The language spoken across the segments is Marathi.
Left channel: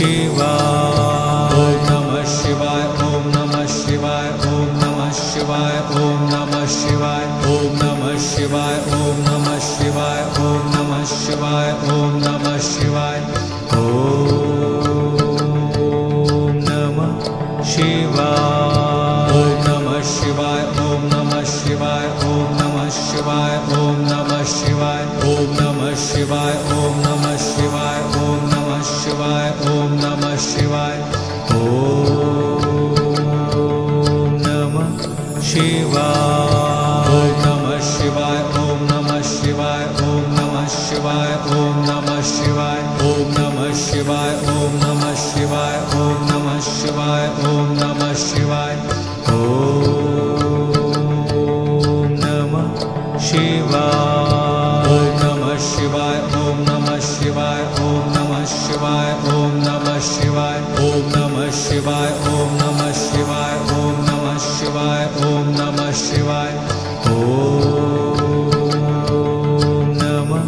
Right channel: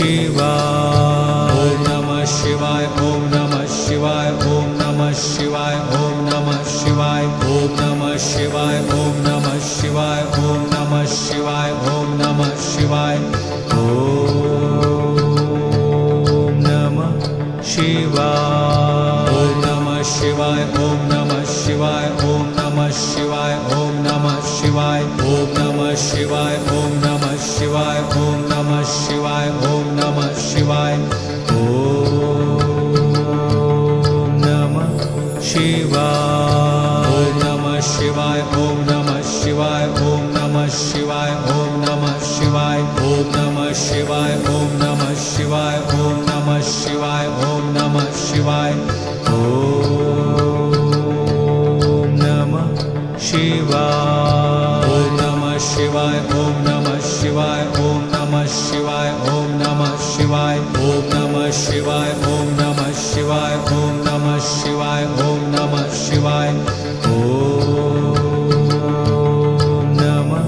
शिवाय नमः शिवाय ओम नमः शिवाय ओम नमः शिवाय ओम नमः शिवाय ओम नमः शिवाय ओम नमः शिवाय ओम नमः शिवाय ओम नमः शिवाय ओम नमः शिवाय नमः शिवाय ओम नमः शिवाय ओम नमः शिवाय ओम नमः शिवाय ओम नमः शिवाय ओम नमः शिवाय ओम नमः शिवाय ओम नमः शिवाय ओम नमः शिवाय नमः शिवाय ओम नमः शिवाय ओम नमः शिवाय ओम नमः शिवाय ओम नमः शिवाय ओम नमः शिवाय ओम नमः शिवाय ओम नमः शिवाय ओम नमः शिवाय नमः शिवाय ओम नमः शिवाय ओम नमः शिवाय ओम नमः शिवाय ओम नमः शिवाय ओम नमः शिवाय ओम नमः शिवाय ओम नमः शिवाय ओम नमः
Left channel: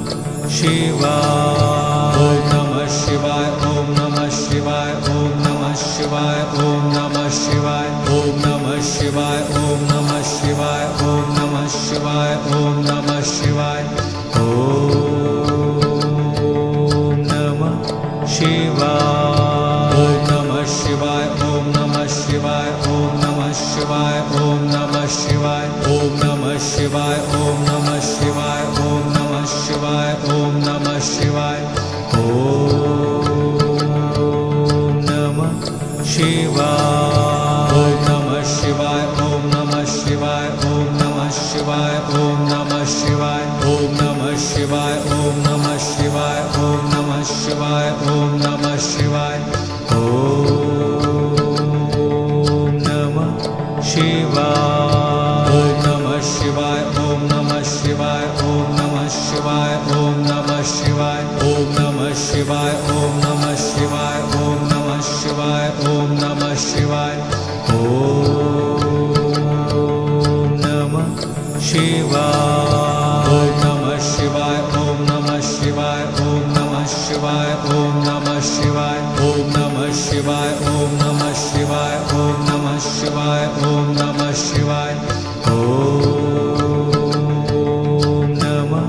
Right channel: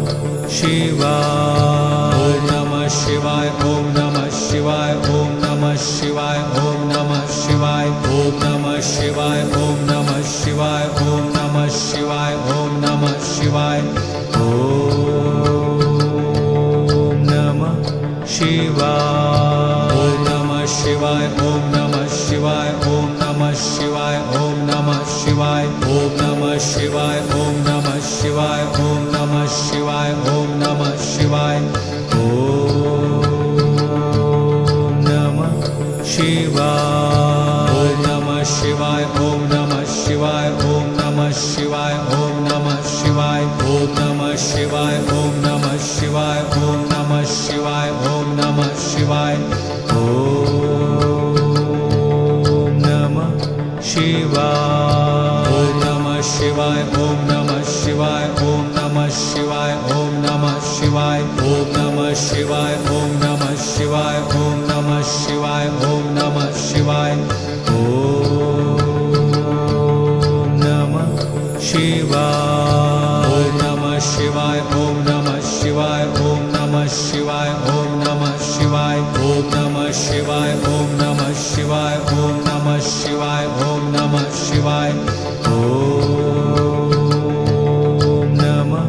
शिवाय नमः शिवाय ओम नमः शिवाय ओम नमः शिवाय ओम नमः शिवाय ओम नमः शिवाय ओम नमः शिवाय ओम नमः शिवाय ओम नमः शिवाय ओम नमः शिवाय नमः शिवाय ओम नमः शिवाय ओम नमः शिवाय ओम नमः शिवाय ओम नमः शिवाय ओम नमः शिवाय ओम नमः शिवाय ओम नमः शिवाय ओम नमः शिवाय नमः शिवाय ओम नमः शिवाय ओम नमः शिवाय ओम नमः शिवाय ओम नमः शिवाय ओम नमः शिवाय ओम नमः शिवाय ओम नमः शिवाय ओम नमः शिवाय नमः शिवाय ओम नमः शिवाय ओम नमः शिवाय ओम नमः शिवाय ओम नमः शिवाय ओम नमः शिवाय ओम नमः शिवाय ओम नमः शिवाय ओम नमः शिवाय नमः शिवाय ओम नमः शिवाय ओम नमः शिवाय ओम नमः शिवाय ओम नमः शिवाय ओम नमः शिवाय ओम नमः शिवाय ओम नमः शिवाय ओम नमः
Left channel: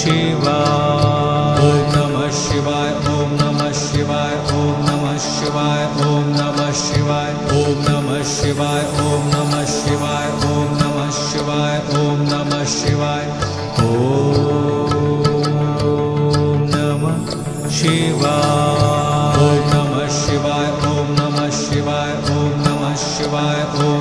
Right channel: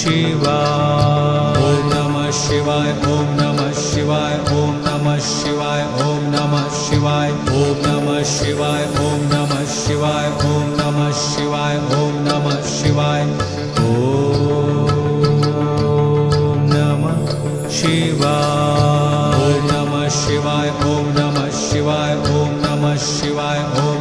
शिवाय नमः शिवाय ओम नमः शिवाय ओम नमः शिवाय ओम नमः शिवाय ओम नमः शिवाय ओम नमः शिवाय ओम नमः शिवाय ओम नमः शिवाय ओम नमः शिवाय नमः शिवाय ओम नमः शिवाय ओम नमः शिवाय ओम